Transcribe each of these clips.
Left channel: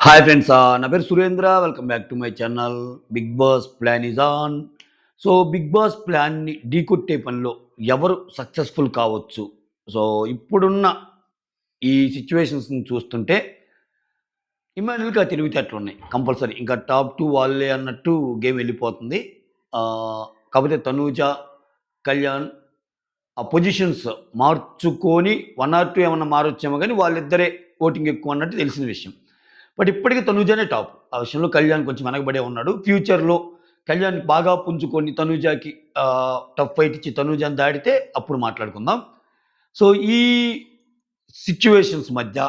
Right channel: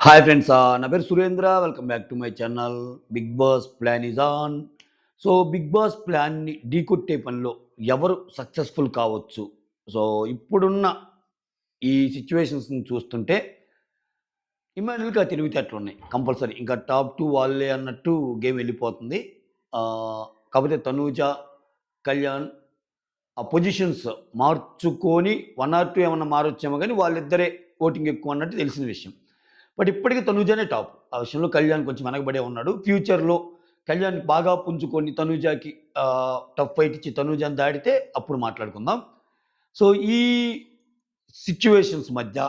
Hi friends, నా పేరు Surendra. Welcome back to my channel. Bigg Boss plan is on. So Bigg Boss ప్లాన్ని ఢీకొట్టే పనిలో ఎవరు సక్సెస్ఫుల్ కావచ్చు? సో ఇప్పుడున్న ఈ సిట్యుయేషన్స్ని చూస్తుంటే ఇమాన్యుల్‌కి ఆ తెలివితేటలున్నాయి కంపల్సరీ. ఇంకా టాప్ 2 వాళ్ళే అన్నట్టు గేమ్ వెళ్ళిపోతుంది. కాకపోతే తనూజ, కళ్యాణ్ ఆ పొజిషన్స్ మార్చుకొని 1 ఆర్ 2 ఏమన్నా మారొచ్చేమో గానీ వాళ్ళిద్దరే ఓటింగ్ ఎక్కువ అన్నట్టు తెలిసిన విషయం. బట్ ఇప్పటికి తనూజనే టాప్. ఆ విషయంలో కళ్యాణ్ కొంచెం వెనకబడే ఉన్నాడు. ఫ్యూచర్‌లో కళ్యాణ్ బాగా పుంజుకొని తనూజకి టఫ్ ఫైట్ ఇచ్చి తనూజని దాటితే అప్పుడు మాట్లాడుకుందాం. సో ఈ సిట్యుయేషన్స్ మధ్య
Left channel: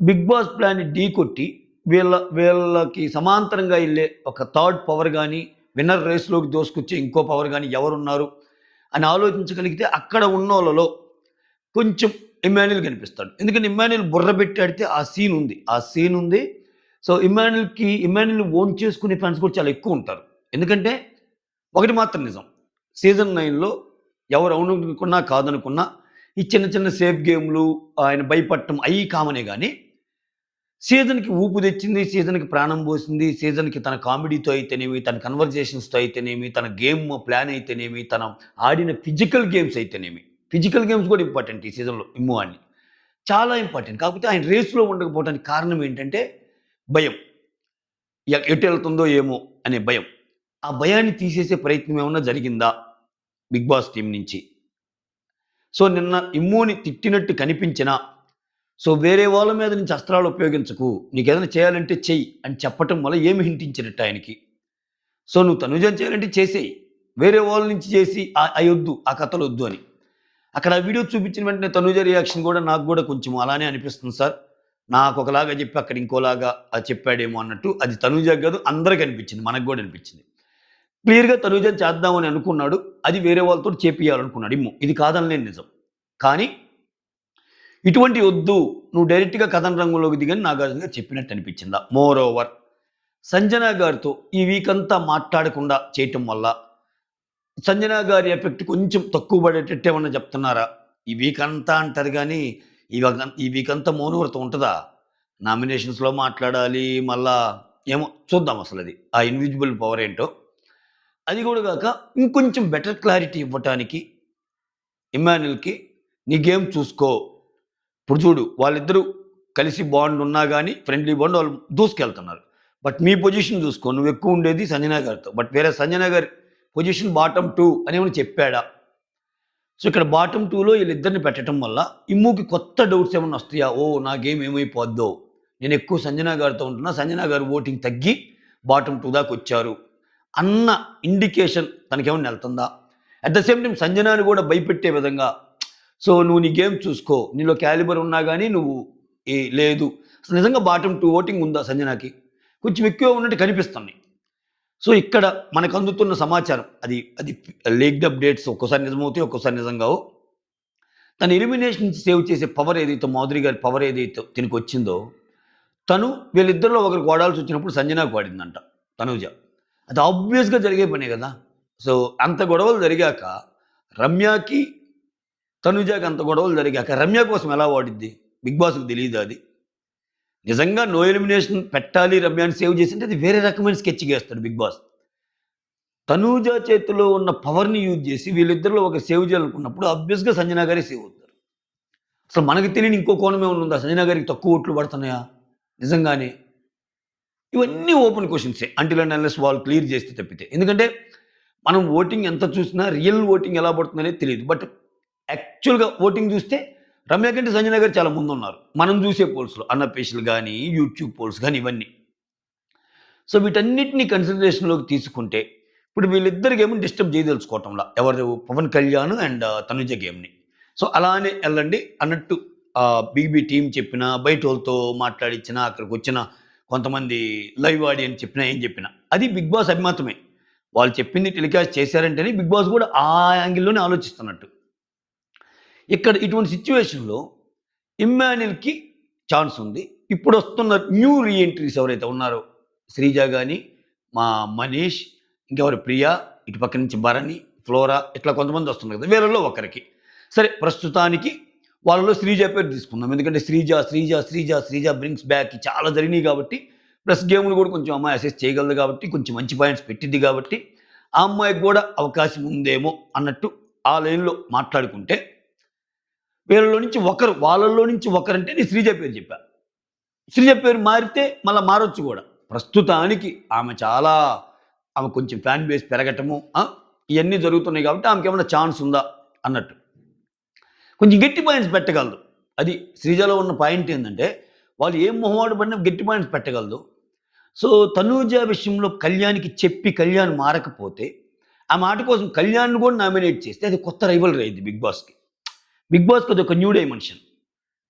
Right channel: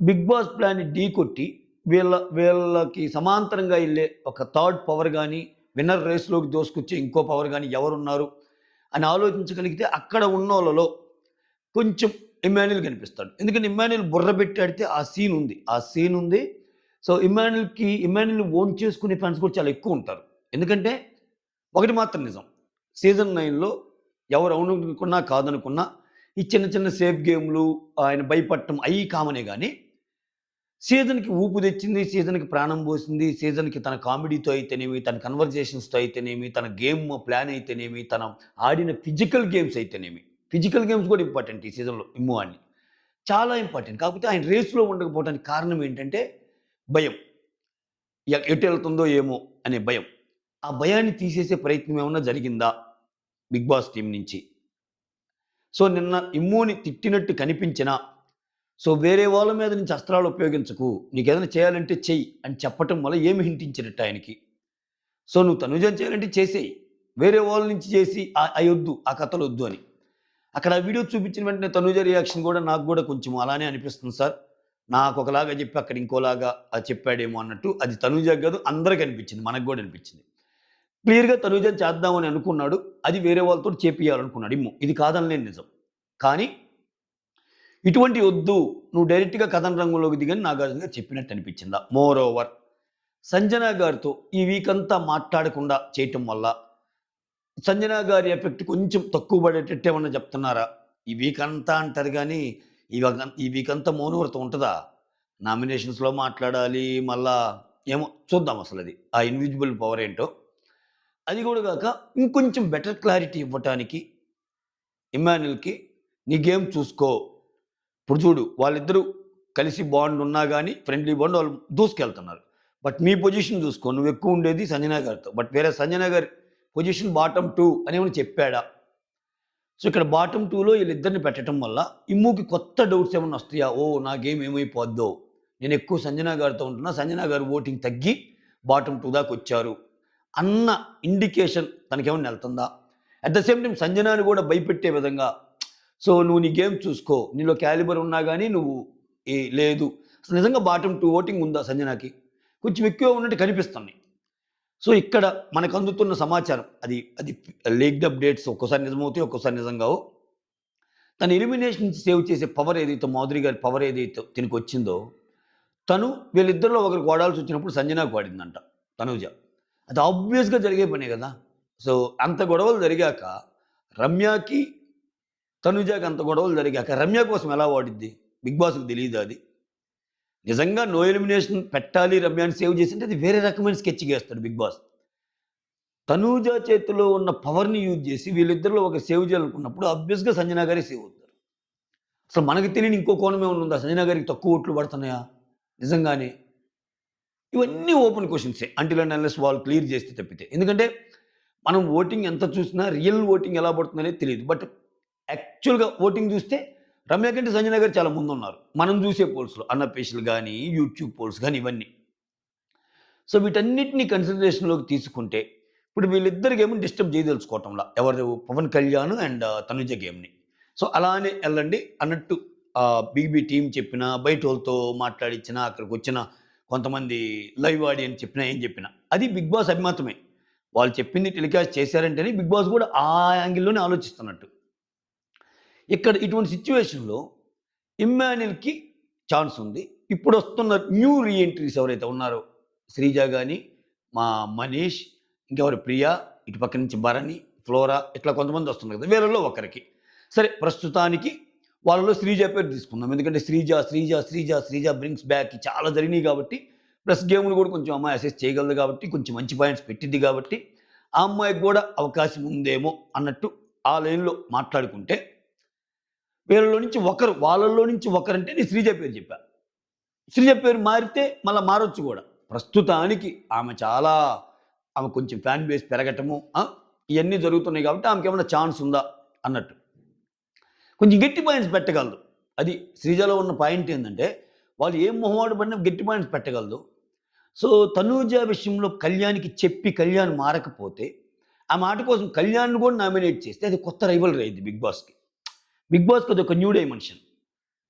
బిగ్ బాస్ ప్లాన్‌ని ఢీకొట్టి వీళ్ళకి సమాంతరంగా ఎళ్ళే ఒక థర్డ్ పవర్ గాని, విన్నర్ రేస్‌లోకి దూసుకొచ్చే ఇంకో పవర్ గాని ఎవరున్నారు అని ఆలోచించగలిగితే అక్కడ ఉన్నోళ్ళలో కొంచెం ఇమ్మాన్యుల్ కనిపిస్తాడు. ఎందుకంటే ఇమ్మాన్యుల్ బుర్ర పెట్టి ఆడితే ఆ సీన్ ఉంది. ఆ సీన్ ఉంది. సో ఇమ్మాన్యుల్‌ని ఓన్ చేసుకునే ఫ్యాన్స్ కూడా చాలా ఎక్కువుంటారు. ఎందుకంటే ఒకటి మాత్రం నిజం. సీజన్ 9లో ఎవరు అవుననుకున్నా, కాదనుకున్నా ఈ చిన్న చిన్న సేఫ్ గేమ్‌లు, ఆయన భయపడటం అయ్యి కామనే గాని, సీజన్‌కి ఊపు తెచ్చింది, సీజన్‌కి ప్రాణం పోసింది, సీజన్‌కి తన కామెడీతో అయితేనేమి, తన కన్వర్జేషన్స్‌తో అయితేనేమి, తన గేమ్ ప్లాన్ అయితేనేమి, తన ఆడిన ఫిజికల్ గేమ్స్ అయితేనేమి. ఫిజికల్ గేమ్స్ కూడా ఇంపార్టెంట్ ఈ సీజన్‌లో ఇమ్ము అని. చాలా ఇంపార్టెంట్. కాకపోతే ఆయన రేస్‌లో ఉండకపోవడానికి కారణం ఏంటంటే భయం. ఎటెళ్తుందో ఏమో అనే భయం. ఆ భయాన్ని తీసేసే ప్రయత్నం ఏమన్నా జరిగిందా బిగ్ బాస్ టీమ్ నుంచి? సో నిన్న ఇమ్ముని తిట్టినట్టు కనిపించినా, సో వేరే వాళ్ళ మీద నుంచి అస్త్రాలు ఉపయోగించకు. నీకేదైనా చేయాలంటే చెయ్యి అని చెప్పటం వల్ల ఏమి హింటించినట్టు ఆయనకి. సో నువ్వు తనుజని చేయాలంటే చేసేయి. వేరే వాళ్ళ నుంచి చేసి అయొద్దు. ఆ కథలొద్దు అని. అక్కడ ఆ వీడియో చూపించిన వెంటనే తనూజ రియాక్షన్ గూడా నాకు గూడా కొంచెం అలానే అనిపిస్తుంది సార్. నాకొకలాగా జెప్పి అక్కడ ఇంకోలాగా చెప్పాడేమో అన్నట్టు. అది తనూజకి గాదు అందరికి అనిపించింది. మనకు గూడా అనిపించింది. క్లియర్‌గా తనూజని చేద్దామని అనుకున్నాడు. అది వేరే వాళ్ళతోటి చేపియాలనుకున్నాడు ఇమ్ము. ఇది కాదనలేని నిజం. కానీ ఇటువంటివి ఒద్దు. నువ్వు డైరెక్ట్‌గా కథన రంగంలోకి దిగని నాగార్జున గారు చెప్పినట్టు అనిపించిందా. మోర్ ఓవర్ సంజన గారితో ఈ వీకంతా మాట్లాడకుండా చేయటం వల్ల సంజన గారి ఎఫెక్ట్ కొంచెం తక్కువ పడేటట్టు ఏమన్నా చెప్తున్నారా? ఈ వీకంతా అంటారు గానీ, ఈ వీకంతా మౌనవ్రతం ఉంటదా? నామినేషన్స్‌లో మాట్లాడాలి. మళ్ళా ఏమో చూద్దాం అసలది. ఆ ఇన్విజిబుల్ పవర్ ఏంటో. అది గూడా గాక ఇంకొంచెం బెటర్ క్లారిటీ ఇవ్వటానికి ఇమ్మాన్యుల్‌కి నీ గేమ్ చూసుకో. ఇప్పుడు చూడు వాళ్ళిద్దరూ కలిసి బాండ్ ఉన్నా గాని ఫ్రెండ్లీ బాండ్ వాళ్ళు దూసుకెళ్తున్నారు. బట్ మీ పొజిషన్ చూసుకో. నువ్వెక్కువ ఉండేది సంజన గారితో. బట్ వేరే సంజన గారి పొజిషన్ బాటమ్ 2 అని ఏమైనా చెప్పాడా? సో, ఇక్కడ బాటమ్ 2లో ఈళ్ళిద్దరిని పెట్టటం వల్ల ఇమ్ముకి కొత్త డౌట్స్ ఏమన్నా వస్తాయా? ఓహ్! నా గేమ్ ఏమైపోద్దో? నేనెక్కువ సంజన గారితో ఉంటున్నా. సంజన గారి ఓటింగ్ తగ్గి బాటమ్ 2 దాకొచ్చారు అన్న ఇండికేషన్ తనకేమన్నా ఎళ్తుందా? అట్ ద సేమ్ టైమ్ సంజనాని గూడా భయపెట్టే విధంగా సో, నువ్వు నీ గేమ్ చూసుకో. నీలో క్యాలిబర్ ఉన్నా గాని నువ్వు లేదు. అసలు నిజంగా బాటమ్ 2 ఓటింగ్ ఉందా సంజనాకి? కొంచెం ఎక్కువే ఉన్నట్టు కనిపిస్తున్నాయి. సో, ఇక్కడ మనకందుతున్న సమాచారం అది లీక్డ్ అప్‌డేట్స్ ఒక్కోసారి నిజమవుతాయి, ఒక్కోసారి నిజం గావు. తన ఎలిమినేషన్ నుంచి సేవ్ చేసే పవర్ ఏదైతే మాధురి గారి పవర్ ఏదైతే తినకొచ్చిందో, తను వీళ్ళిద్దరిలో ఒకరికి వాడాల్సొచ్చినప్పుడు సంజనాకి వాడిందంట తనూజ. అది ఆబ్వియస్‌గా జరిగే పనే గదా! సో, అంత గొడవలు జరిగాక రమ్యకి, తనూజకి అంత గొడవలు జరిగాక రమ్య కోసం ఎలా వాడిద్ది? బిగ్ బాస్‌కి తెలీదా అది? నిజంగా నో ఎలిమినేషన్ పెట్టాలి రమ్యని సేవ్ చేసింటే అది వేరే రకమైన స్కెచ్ గేస్తాడు బిగ్ బాస్. తనూజ చేతిలో ఉన్న పవర్‌ని యూజ్ జేసి వీళ్ళిద్దరిలో ఒకరు సేవ్ చేయాలనుకున్నప్పుడు ఆబ్వియస్‌గా సంజన గారే సేవ్ అవుతారు. అసలు మనకు తెలియని ఇంకో కోణం ఏమన్నా ఉందా? సంజన గారికి తక్కువ ఓట్లు పడుతున్నాయా? నిజంగానే? ఇవన్నీ ఓపెన్ క్వెషన్సే. అంటిల్ అండ్ అన్లెస్ వాళ్ళు క్లియర్ చేస్తే తప్పితే. ఎందుకంటే మనం ఓటింగ్ ఎంత చూసినా రియల్ ఓటింగ్ ఎలా పడుతుందనేది తెలీదు. బట్ యాక్చువల్‌గా ఓటింగ్ చూస్తే రమ్య కంటే సంజన గారు చాలా ముందున్నారు. మనం చూసే పోల్స్‌లో. అన్‌అఫీషియల్ గాని, యూట్యూబ్ పోల్స్ గాని ఇవన్నీ. సో, వీటన్నిటిని కన్సిడరేషన్‌లోకి తీసుకుంటే, ఇప్పుడు వీళ్ళిద్దరి గేమ్‌ని డిస్టర్బ్ చేయదలుచుకోవటంలా. ఎవరు 'పవన్ కళ్యాణ్' అండ్ 'తనుజ' గేమ్‌ని. సో, అలానే ఎళ్ళండి అన్నట్టు బీబీ టీమ్ చెప్పినా, బయటోళ్ళతో మాట్లాడిచ్చినా, అక్కడికొచ్చిన కొంతమంది లైవ్ ఆడియన్స్ చెప్పినా, ఏం చెప్పినా. అది బిగ్ బాస్ అభిమతమే. వాళ్ళు చెప్పింది టెలికాస్ట్ చేశారంటేనే బిగ్ బాస్ గూడా ఆ యాంగిల్‌లోనే ఆలోచిస్తున్నట్టు. ఇక్కడ ఇటువంటి సిట్యుయేషన్‌లో ఇమ్మాన్యుల్‌కి ఛాన్స్ ఉంది. ఇప్పుడొస్తున్న న్యూ రీ ఎంట్రీస్ ఎవరైతే ఉన్నారో, శ్రీజ గాని, మా మనీష్, ఇంకెవరు ప్రియ, ఇటు పక్క నుంచి భరణి, ఫ్లోరా ఇట్లా కొంతమంది వస్తున్నారు కదా! వీళ్ళలో ఒకరికి. సరే ప్రస్తుతానికి వాళ్ళలో శ్రీజ పేరు తీసుకుందాం. ఎందుకంటే శ్రీజ బ్రింగ్స్ బ్యాక్ చాలా జరిగినాయి కాబట్టి, ప్లస్ గేమ్‌లు కూడా కొంచెం అమ్మాయి అసెస్ చేయగలదు కాబట్టి, కొంచెం మంచి పాయింట్స్ పెట్టిద్ది కాబట్టి, ఆ అమ్మాయికి గూడా అవకాశం ఉందేమో అన్నట్టు ఆ లైన్‌లో మాట్లాడుకుంటే, వాళ్ళలో నుంచి ఒకరంటే నేను శ్రీజ పేరు చెప్పా. శ్రీజ పేరు మారితే మళ్ళా మారొచ్చు గూడా. ప్రస్తుతానికి ఆమె కొంచెం ఫ్యాన్ బేస్ పెరగటము ఇయన్నీ జరుగుతున్నాయి కాబట్టి ఆమెకేమన్నా ఛాన్స్ ఉందా అన్నట్టు. కొంచెం గట్టి పాయింట్స్ పెట్టగలదు. అది శ్రీజలో ఉన్న పాయింట్ ఏందంటే, వాళ్ళు ఏం మొహమాట పడినా గట్టి పాయింట్స్ పెట్టగలదు. సో, తనూజ విషయంలో కళ్యాణ్‌కి చెప్పి కళ్యాణ్ మారకపోతే, ఆ మాట కోసం కళ్యాణ్‌ని కూడా నామినేట్ చేస్తే అది కొత్త రైవల్రీ అయ్యిద్ది బిగ్ బాస్‌కి. బిగ్ బాస్‌కి అదొక new dimension.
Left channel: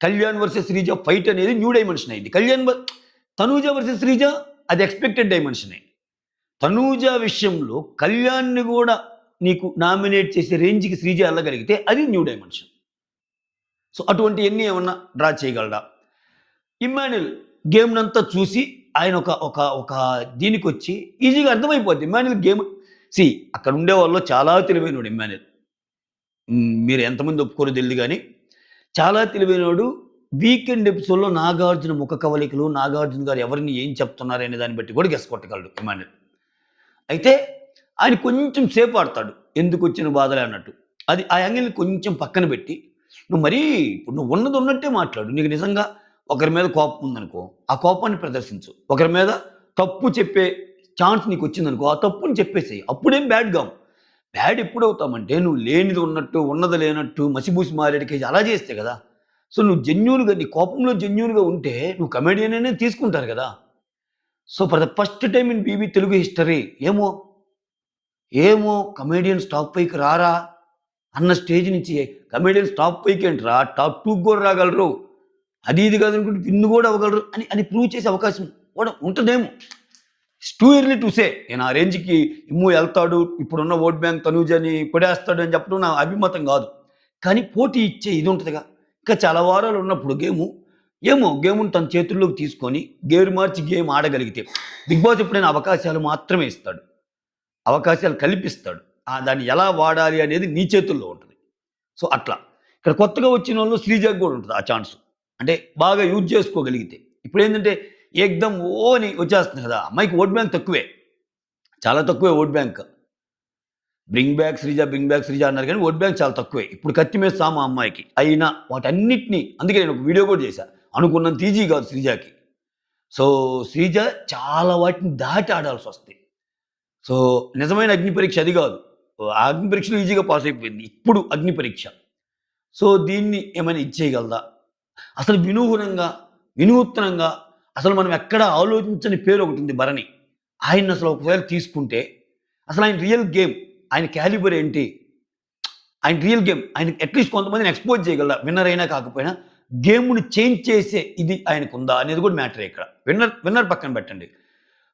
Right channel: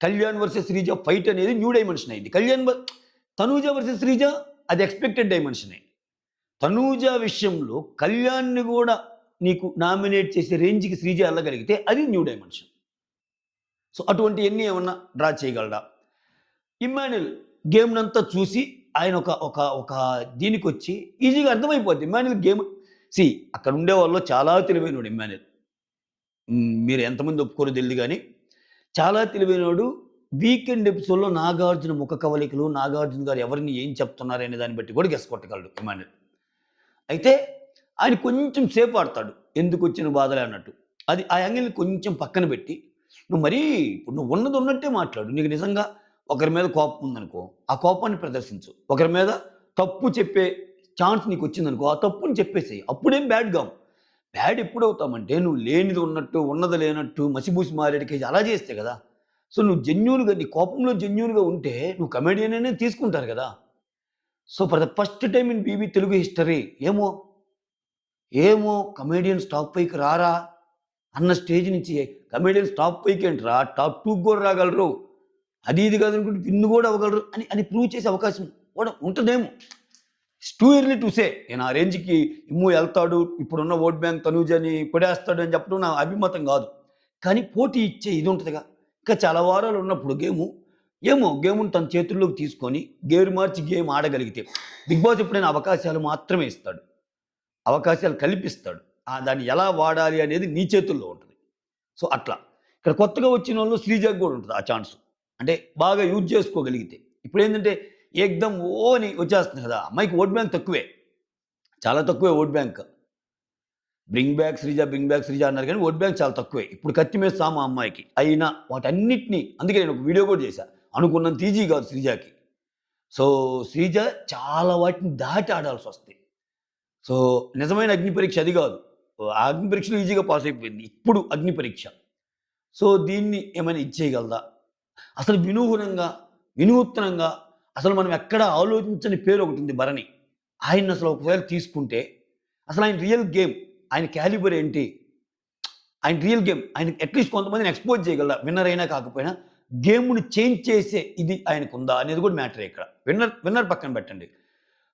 Kalyan versus Sreeja fight అనేది న్యూ డైమెన్షన్ అయింది. తనూజ వర్సెస్ శ్రీజ అది ఎక్స్‌పెక్టెడ్ డైమెన్షనే. తనూజ విషయంలో కళ్యాణ్‌ని గూడా నీకు నామినేట్ చేసే రేంజ్‌కి శ్రీజ ఎళ్ళగలిగితే అది న్యూ డైమెన్షన్. సో, అటువంటియన్నీ ఏమన్నా డ్రా చేయగలడా? ఇమ్మాన్యుల్ గేమ్‌నంతా చూసి ఆయన ఒక ఒక ఒక దీనికొచ్చి ఈజీగా అర్థమైపోద్ది. ఇమ్మాన్యుల్ గేమ్ అక్కడ ఉండే వాళ్ళలో చాలా తెలివైనోడు ఇమ్మాన్యుల్. మీరు ఎంతమంది ఒప్పుకోరో తెలీదు గానీ, చాలా తెలివైనోడు. వీకెండ్ ఎపిసోడ్‌లో నాగార్జున ముఖ కవళికలు, నాగార్జున గారు ఎవరిని ఏం చెప్తున్నారనే దాన్ని బట్టి కూడా గెస్ కొట్టగలడు ఇమ్మాన్యుల్. అయితే ఆయన కొంచెం సేపు ఆడతాడు. ఎందుకొచ్చిన బాధలే అన్నట్టు. అది ఆ యాంగిల్‌ని కొంచెం పక్కన పెట్టి, ఇప్పుడు నువ్వు ఉన్నది ఉన్నట్టే మాట్లాడు. నీకు నిజంగా ఒకరి మీద కోపం ఉందనుకో, ఆ కోపాన్ని ప్రదర్శించు. ఒకరి మీద తప్పు చెప్పే ఛాన్స్ నీకొచ్చిందనుకో, ఆ తప్పుని చెప్పేసేయి. అప్పుడేం బ్యాడ్ గావు. బ్యాడ్ ఎప్పుడవుతామంటే నువ్వు లేనిది ఉన్నట్టు, ఉన్నది లేనట్టు, మసిబూసి మారేడుకాయ అలా చేస్తే కదా! సో, నువ్వు నీ కోపంలో జెన్యూన్‌గా ఉంటే నువ్వు కమెడియన్ అనే తీసుకుంటారు కదా! So, for the first time in BB Telugu history ఏమో కమెడియన్స్ టాప్ 5కి రారా అన్న స్టేజ్ నుంచి కమెడియన్స్ టాప్ 5కి ఏంట్రా టాప్ 2కి కూడా రాగలరు. అది ఇది కాదనుకుంటే విన్ కూడా అవ్వగలరు అని ప్రూవ్ చేసే అవకాశం కూడా ఉంటదేమో. It's too early to say. నేను ఆ రేంజ్‌కి ఇమ్ము ఎళ్తాడు. ఇప్పుడున్న ఓట్ బ్యాంక్ తనూజని కొడేస్తాడు అని చెప్పడం నా అభిమతం కాదు. కానీ పోటీ ఇచ్చే ఇది ఉంటదిగా. ఇంకా చాలా వారాలు ఉన్నప్పుడు గేముని తన చేతుల్లోకి తీసుకొని గేరు మార్చి గేమ్ ఆడగలిగితే బిగ్ బాస్ ఎప్పుడైనా అవకాశాలు మాత్రమే ఇస్తాడు. అవకాశాలు కల్పిస్తాడు. దాన్ని ఎలా వాడాలి అనేది నీ చేతుల్లో ఉంటది. సో, అట్లా. ఇక్కడ కొత్తగా వచ్చినోళ్ళు శ్రీజకి గూడా ఉంటది ఆ ఛాన్సు. అంటే బాగా యూజ్ చేసుకోగలిగితే. ఇప్పుడేంటంటే ఏక్దమ్ అని వచ్చేస్తుంది కదా! అమ్మాయికి ఓట్ బ్యాంక్ తక్కువే. చాలా తక్కువే vote bank. Bring back Sreeja అన్నారు గానీ ఓట్ బ్యాంక్ చాలా తక్కువే. ఇప్పుడు కత్తి మీద సాము ఆ అమ్మాయికి. అయినా వాటన్నిటిని అందుకే నేను ఒక వీడియో కూడా చేశా. అనుకున్నంత ఈజీ కాదు శ్రీజకి. సో, శ్రీజ చాలా వాటిని దాటి ఆడాల్సొస్తది. సో, నిజమైన అగ్ని పరీక్ష అది గాదు. ఆ అగ్ని పరీక్షలో ఈజీగా పాస్ అయిపోయింది. ఇప్పుడు అగ్ని పరీక్ష. సో, దీన్ని ఏమైనా ఇచ్చేయగలదా? అసలు వినూత్నంగా అసలు మనం ఎక్కడ ఆలోచించని పేరొకటుంది భరణి. ఆయన్నసలు ఒకవేళ తీసుకుంటే అసలు ఆయన రియల్ గేమ్, ఆయన క్యాలిబర్ ఏంటి? ఆయన రియల్ గేమ్ ఆయన అట్‌లీస్ట్ కొంతమందిని ఎక్స్‌పోజ్ చేయగలరా? విన్నర్ అయినా కాకపోయినా గేమ్‌ని చేంజ్ చేసే ఇది ఆయనకుందా అనేది కూడా మ్యాటరే ఇక్కడ. విన్నర్ పక్కన పెట్టండి.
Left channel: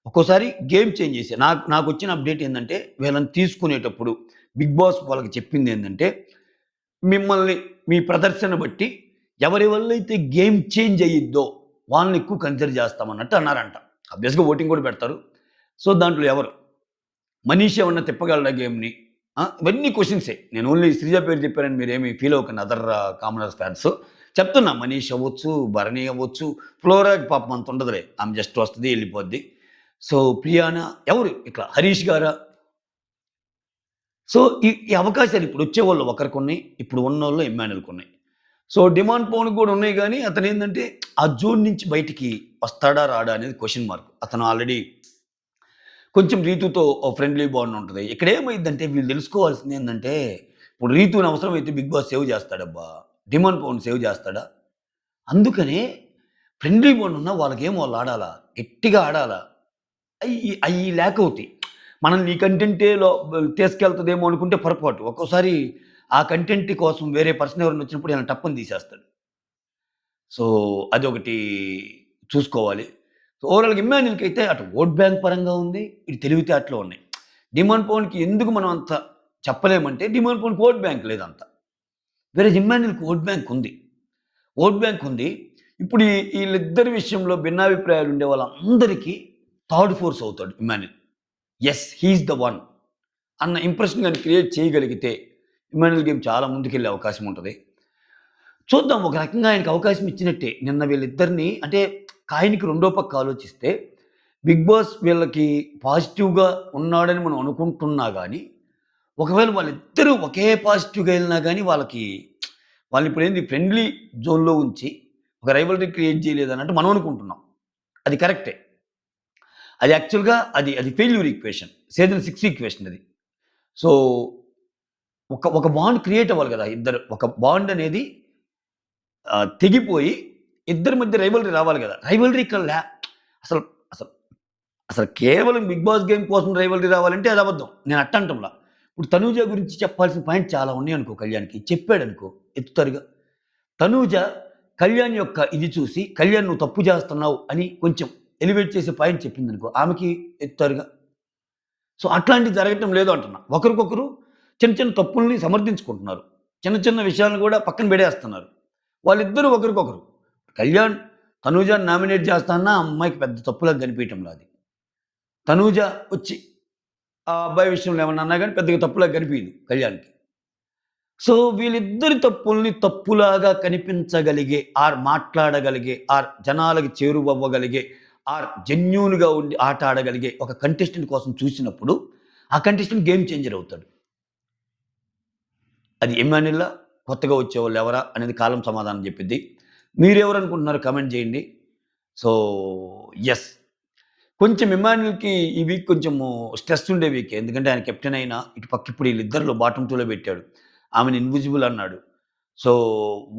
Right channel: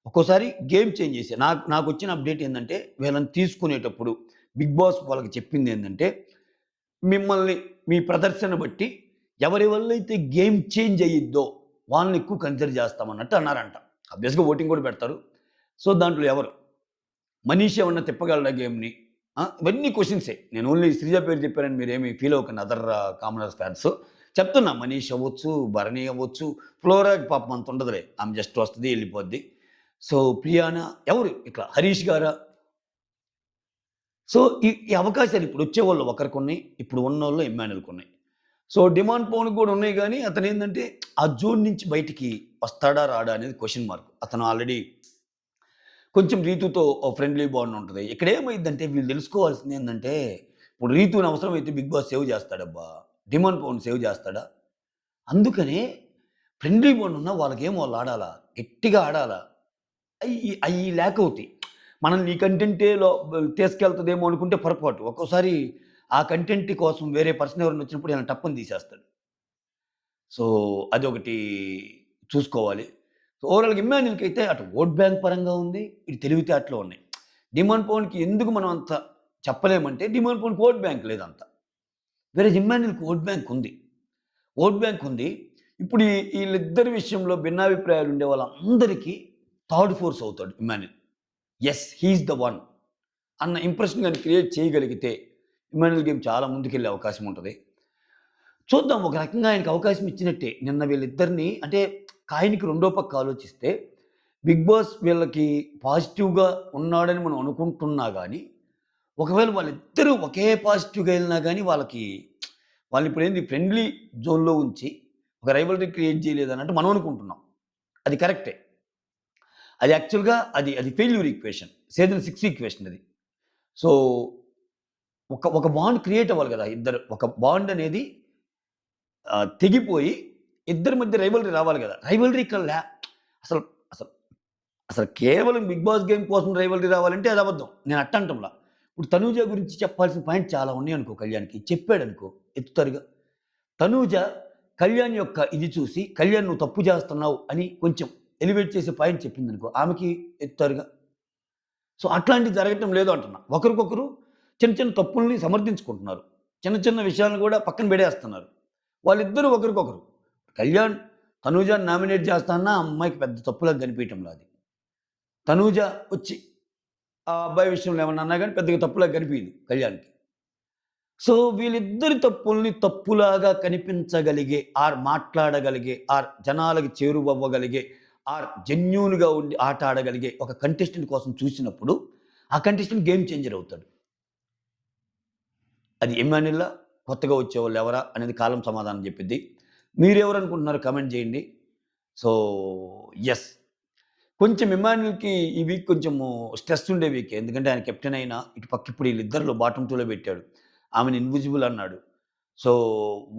ఒక్కోసారి గేమ్ చేంజ్ చేసే నాకొచ్చిన అప్డేట్ ఏందంటే, వీళ్ళని తీసుకునేటప్పుడు బిగ్ బాస్ వాళ్ళకి చెప్పిందేందంటే, మిమ్మల్ని మీ ప్రదర్శన బట్టి ఎవరి వల్లైతే గేమ్ చేంజ్ అయ్యిద్దో వాళ్ళని ఎక్కువ కన్సిడర్ చేస్తామన్నట్టు అన్నారంట. ఆబ్వియస్‌గా ఓటింగ్ కూడా పెడతారు. సో, దాంట్లో ఎవరు? మనీష్ ఏమన్నా తిప్పగలడా గేమ్‌ని? ఇవన్నీ క్వెషన్సే. నేను ఓన్లీ శ్రీజ పేరు చెప్పానని మీరేమి ఫీల్ అవ్వకండి అదర్ కామనర్స్ ఫ్యాన్స్. చెప్తున్నా మనీష్ అవ్వచ్చు, భరణి అవ్వచ్చు, ఫ్లోరాకి పాపం అంత ఉండదులే. ఆమె జస్ట్ వస్తది, ఎళ్ళిపోద్ది. సో, ప్రియానా ఎవరు ఇట్లా హరీష్ గారా? సో, ఈ అవకాశాలు ఇప్పుడొచ్చేవాళ్ళు ఒకరికున్నాయి. ఇప్పుడు ఉన్నోళ్ళు ఇమ్మాన్యుల్‌కున్నాయి. సో, డిమాండ్ పవన్‌కి కూడా ఉన్నాయి గానీ, అతనేందంటే ఆ జోన్ నుంచి బయటికి వస్తాడా? రాడా? అనేది క్వెషన్ మార్క్. అతను ఆల్రెడీ కొంచెం రీతూతో ఓ ఫ్రెండ్లీ బాండ్ ఉంటది. ఇక్కడేమైద్దంటే వీళ్ళు తెలుసుకోవాల్సిందేందంటే, ఇప్పుడు రీతూని అవసరమైతే బిగ్ బాస్ సేవ్ చేస్తాడబ్బా! డిమాండ్ పవన్ సేవ్ చేస్తాడా? అందుకనే ఫ్రెండ్లీ బాండ్ ఉన్నా వాళ్ళకేమో వాళ్ళాడాలా. గట్టిగా ఆడాలా. అయి లేకవుతాయి. మనల్ని ఈ కంటెంటే తీసుకెళ్తదేమో అనుకుంటే పొరపాటు. ఒక్కోసారి ఆ కంటెంట్ కోసం వేరే పర్సన్ ఎవరైనా వచ్చినప్పుడు ఈయన టప్పని తీసేస్తాడు. సో, అదొకటి చూసుకోవాలి. సో, ఓవరాల్‌గా ఇమ్మాన్యుల్‌కైతే అటు ఓట్ బ్యాంక్ పరంగా ఉంది. ఇటు తెలివితేటలు ఉన్నాయి. డిమాండ్ పవన్‌కి ఎందుకు మనం అంత చెప్పలేమంటే డిమాండ్ పవన్‌కి ఓట్ బ్యాంక్ లేదంత. వేరేజ్ ఇమ్మాన్యుల్‌కి ఓట్ బ్యాంక్ ఉంది. ఓట్ బ్యాంక్ ఉంది. ఇప్పుడు ఈళ్ళిద్దరి విషయంలో భిన్నాభిప్రాయాలు ఉండే వాళ్ళందరికీ థర్డ్ ఫోర్స్ అవుతాడు Emmanuel. Yes! He is the one అన్న ఇంప్రెషన్ గాని క్రియేట్ చేయగలిగితే ఇమ్మాన్యుల్ గేమ్ చాలా ముందుకెళ్ళే అవకాశం ఉంటది. చూద్దాం ఒక రకంగా ఆయనకి అవకాశం ఇచ్చినట్టే. నిన్న వీళ్ళిద్దరిని అంటే కాయిన్‌కి రెండో పక్క ఆలోచిస్తే 'బిగ్ బాస్' వీళ్ళకి పాజిటివ్‌గా ఉన్నాడని మనం అనుకుంటున్నా గాని, ఒకవేళ వాళ్ళిద్దరూ ఒకే పాజిటివ్‌గా ఎళ్ళినా గాని వాళ్ళనిప్పుడేంది ఫ్రెండ్లీ జోన్‌లో ఉంచి ఒక రైవల్రీ క్రియేట్ చేయలేదన్నట్టు మనం అనుకుంటున్నాం. అది కరెక్టే. అది యాక్చువల్‌గా అది ఫెయిల్యూర్ ఈక్వేషన్. సీజన్ 6 ఈక్వేషన్ అది. సో, ఒక బాండ్ క్రియేట్ అవ్వాలి గదా! ఒక బాండ్ అనేది తెగిపోయి ఇద్దరి మధ్య రైవల్రీ రావాలి గదా! రైవల్రీ ఇక్కడ అసలు అసలు అసలు కేవలం 'బిగ్ బాస్' గేమ్ కోసం రైవల్రీ రావాలంటే అది అబద్ధం. నేను అట్టంటంలా. ఇప్పుడు 'తనూజ' గురించి చెప్పాల్సిన పాయింట్ చాలా ఉన్నాయనుకో కళ్యాణ్‌కి. చెప్పాడనుకో ఎత్తుతారుగా. 'తనూజ' కళ్యాణ్ యొక్క ఇది చూసి, "కళ్యాణ్ నువ్వు తప్పు చేస్తున్నావు" అని కొంచెం ఎలివేట్ చేసే పాయింట్ చెప్పిందనుకో, ఆమెకి ఎత్తుతారుగా. సో, అట్లాంటివి జరగటం లేదు అంటున్నా. ఒకరికొకరు చిన్న చిన్న తప్పుల్ని సమర్థించుకుంటున్నారు. చిన్న చిన్న విషయాలను గూడా పక్కన బెడేస్తున్నారు. వాళ్ళిద్దరూ ఒకరికొకరు. కళ్యాణ్ తనూజని నామినేట్ చేస్తా అన్నా ఆ అమ్మాయికి పెద్ద తప్పులాగా కనిపియటంలా అది. తనూజ వచ్చి ఆ అబ్బాయి విషయంలో ఏమన్నా అన్నా గాని పెద్దగా తప్పులాగా కనిపియదు కళ్యాణ్‌కి. సో, వీళ్ళిద్దరి తప్పుల్ని తప్పులాగా కనిపించగలిగే, మాట్లాడగలిగే, జనాలకి చేరువవ్వగలిగే, జెన్యూన్‌గా ఉండి ఆట ఆడగలిగే ఒక కంటెస్టెంట్ కోసం చూసినప్పుడు, ఆ కంటెస్టెంట్ గేమ్ చేంజర్ అవుతాడు. అది ఎమాన్యులా? కొత్తగా వచ్చేవాళ్ళు ఎవరా? అనేది కాలం సమాధానం చెప్పిద్ది. మీరెవరనుకుంటున్నారో కామెంట్ చేయండి. So, yes. కొంచెం ఇమ్మాన్యుల్‌కి ఈ వీక్ కొంచెము స్ట్రెస్ ఉండే వీకే. ఎందుకంటే ఆయన కెప్టెన్ అయినా, ఇటు పక్క ఇప్పుడు ఈళ్ళిద్దరిలో బాటమ్ 2లో పెట్టాడు. ఆమెని ఇన్విజిబుల్ అన్నాడు. సో,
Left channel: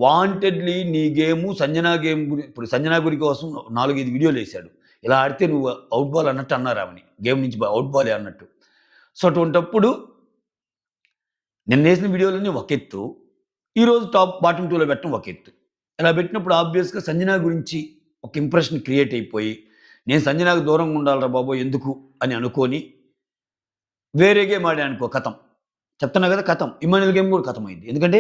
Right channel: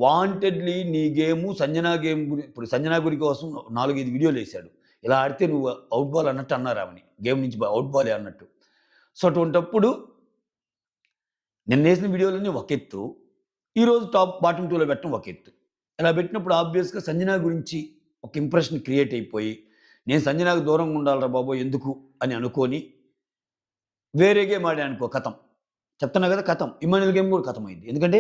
వాంటెడ్‌లీ నీ గేము సంజన గేమ్ ఇప్పుడు సంజన గురి కోసం 4, 5 వీడియోలేసాడు. ఇలా ఆడితే నువ్వు ఔట్ బాల్ అన్నట్టు అన్నారు ఆమెని. గేమ్ నుంచి ఔట్ బాలే అన్నట్టు. సో, అటువంటప్పుడు నిన్నేసిన వీడియోలన్నీ ఒక ఎత్తు. ఈరోజు బాటమ్ 2లో పెట్టడం ఒక ఎత్తు. ఇలా పెట్టినప్పుడు ఆబ్వియస్‌గా సంజన గురించి ఒక ఇంప్రెషన్ క్రియేట్ అయిపోయి, నేను సంజనకి దూరంగా ఉండాలిరా బాబోయ్! ఎందుకు అని అనుకోని, వేరే గేమ్ ఆడాననుకో ఖతం. చెప్తున్నా కదా! ఖతం. ఇమ్మాన్యుల్ గేమ్ కూడా ఖతమైంది. ఎందుకంటే,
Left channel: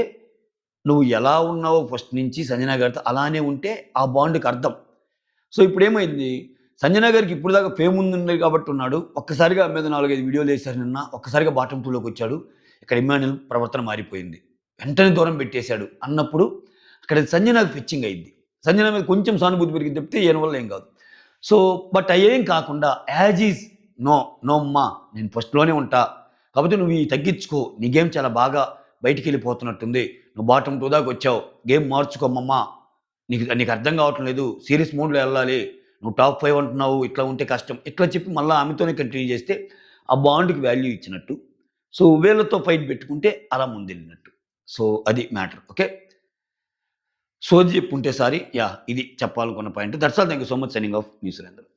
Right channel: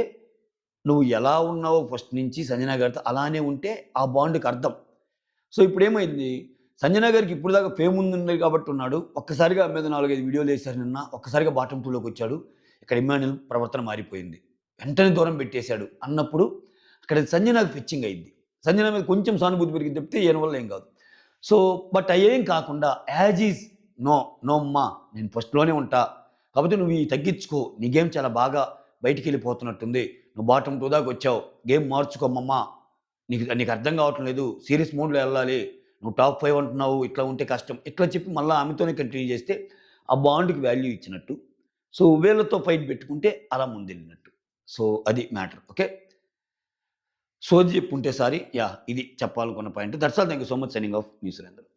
నువ్వు ఎలా ఉన్నావో ఫస్ట్ నుంచి సంజన గారితో అలానే ఉంటే ఆ బాండ్‌కి అర్థం. సో, ఇప్పుడేమైంది, సంజన గారికి ఇప్పటిదాకా ఫేమ్ ఉంది కాబట్టి ఉన్నాడు. ఒక్కసారిగా ఆమె మీద 4, 5 వీడియోలేసారు నిన్న. ఒక్కసారిగా బాటమ్ 2లోకొచ్చాడు. ఇక్కడ ఇమ్మాన్యుల్ ప్రవర్తన మారిపోయింది. వెంటనే దూరం పెట్టేసాడు అన్నప్పుడు, అక్కడ సంజనకి ఫెచ్చింగ్ అయింది. సంజన మీద కొంచెం సానుభూతి పెరిగింది తప్పితే ఈయన వల్ల ఏం కాదు. సో, బట్ అయ్యేం కాకుండా యాజ్ ఈజ్ నో, నో అమ్మా నేను ఫస్ట్‌లోనే ఉంటా. కాపోతే నువ్వు తగ్గించుకో. నీ గేమ్ చాలా బాగా బయటికెళ్ళిపోతున్నట్టుంది. నువ్వు బాటమ్ 2 దాకొచ్చావు. గేమ్ మార్చుకోమమ్మా. నీకు అర్థం కావటం లేదు. సీరీస్ మోడ్‌లో ఎళ్ళాలి. నువ్వు టాప్ 5 అంటున్నావు. ఇట్లా ఉంటే కష్టం. ఇట్లా చెప్పి మళ్ళా ఆమెతోనే కంటిన్యూ చేస్తే ఆ బాండ్‌కి వాల్యూ ఇచ్చినట్టు. సో, వీళ్ళతో ఫైట్ పెట్టుకుంటే అలా ముందెళ్ళినట్టు. సో, అది మ్యాటర్. ఓకే. సోది చెప్పుంటే సారీ. యాహ్! ఇది చెప్పాలనుకున్న point. That's all. Thank you so much. Signing off. Me Surender.